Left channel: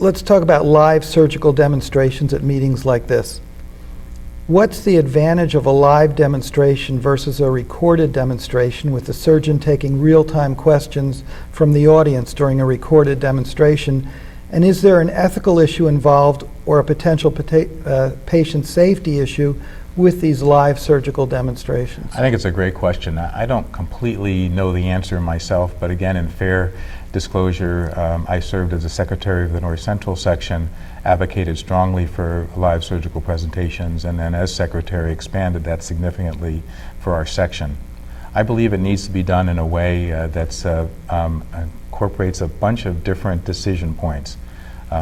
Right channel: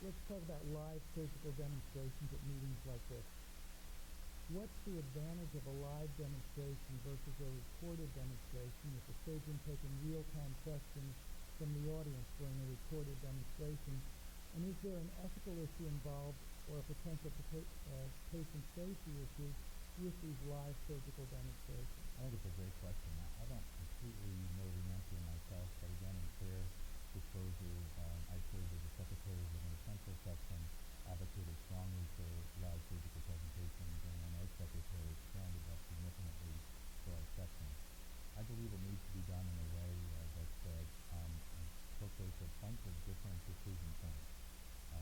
let's talk about live surgical demonstrations at meetings like this. What's the advantage of a live demonstration versus a recorded demonstration with the surgeon taking real-time questions from the audience during a recorded demonstration? And is there an ethical issue involved or a potential patient safety issue with these live surgical demonstrations? I think it's a great question. I don't completely know the answer myself, but again, in fair disclosure, I served as the secretary of the North Central section, advocated strongly for live surgical presentations, and then as secretary expanded that significantly for our section. I believe it needs to be done in a way that incorporates a bunch of different decision points.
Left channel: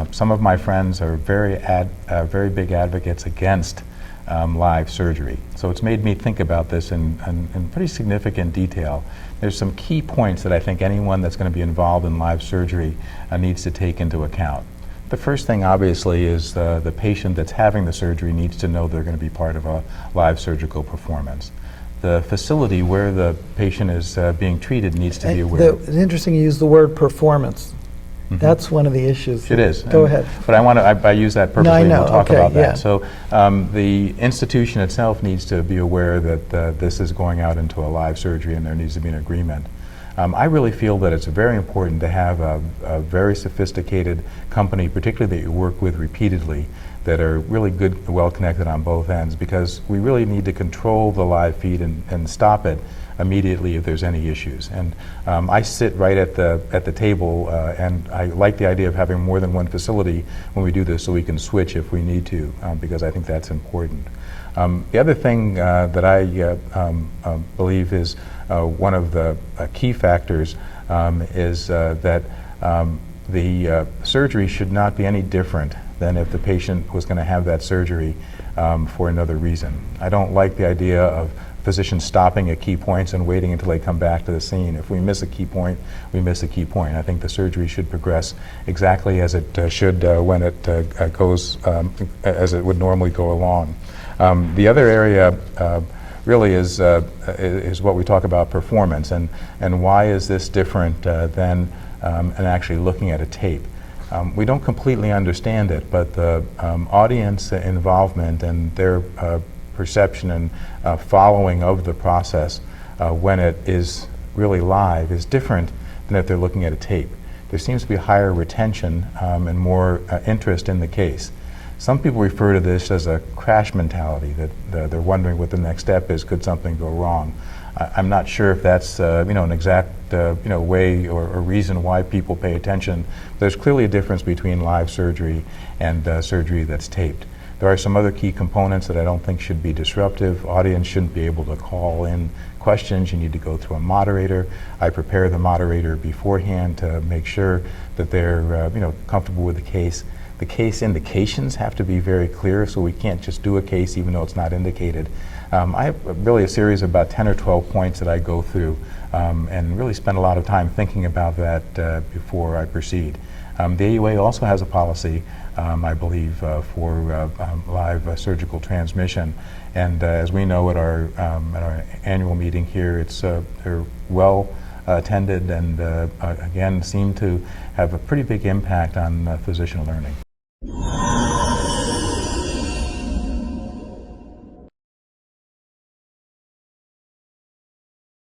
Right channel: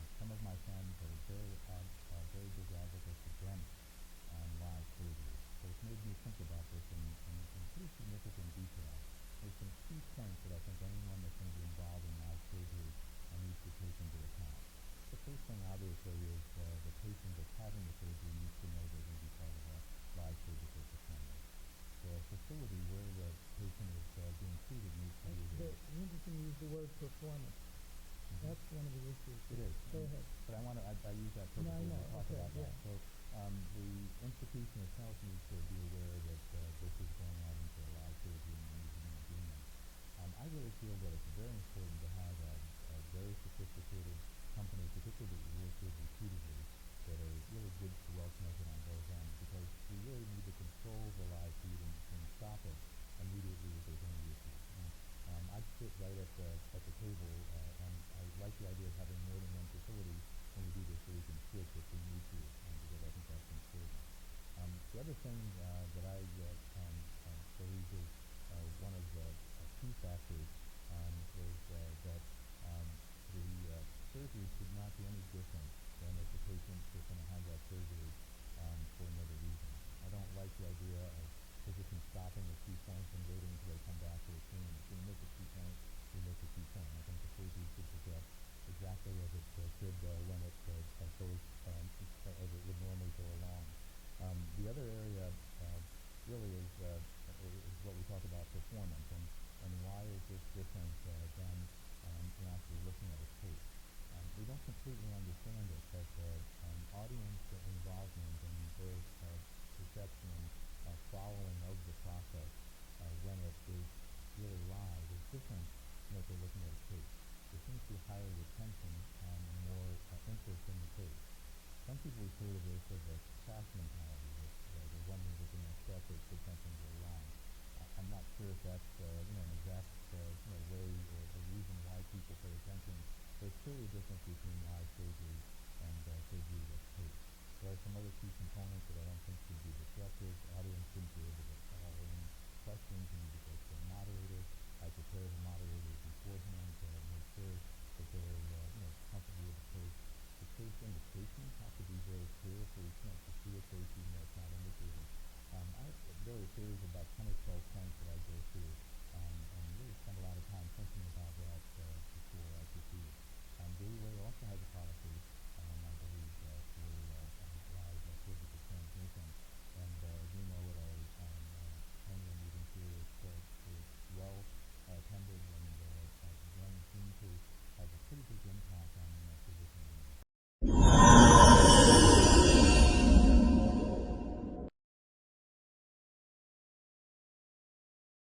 Some of my friends are very big advocates against live surgery. So it's made me think about this in pretty significant detail. There's some key points that I think anyone that's going to be involved in live surgery needs to take into account. The first thing, obviously, is the patient that's having the surgery needs to know they're going to be part of a live surgical performance. The facility where the patient is being treated needs to be aware. It's interesting you use the word performance. Mm-hmm. That's one of the issues. It is. Go ahead. But I use that purposely, no, I know. and we'll talk okay, about that. Yeah. So the institution itself needs to be aware that this is going out into a live surgery and there needs to be an agreement. I really feel that it's very important to have a very sophisticated company, particularly that you work with repeatedly, that are really good, well connected on both ends, because we really need to control the live feed and stop it immediately if there's any issues. And I sit right at the table, and I like the idea of having more than one facility when we do this, so we can switch if we need to, because I think that's important. The other thing that I believe is one of the key factors is that the surgery should not be any different than if the patient was going to have that surgery for another reason. I don't like the idea of physicians stopping at key points and waiting until they come back to the scene. If we miss a key point, we miss a key point. I think the surgery should progress exactly as it should when it goes as it would normally go along. The other area really is what we talk about performance, and why is this different than and actually looking at a tape. We don't completely understand it, but the audience involvement and their perception and following of the process when it is really live is different than if they're looking at a tape. There seems to be higher retention and more interest in the case. Some people refer to this as a crash mentality, that they're wondering what the next step is, could something go wrong. I'm not sure if that's an exact way or reason why people pay attention. There's clearly a difference between live surgery and surgery that's taped. There are some other key components that I don't think should be disruptive. Audience shouldn't be able to call in questions. You need to go through a moderator. I prepare the moderator beforehand to make sure that they're comfortable with the case. The case indications have to be very clear, so we can't just do a case even though it's not indicated. I have really a series of about 10 or 12 points that I go through and really spend a lot of time thinking about that before I proceed. The AUA also has a policy, I believe, for live surgical transmission, and as we know at our annual meeting here, they're well attended and again seem to have a pretty big impact on physician learning.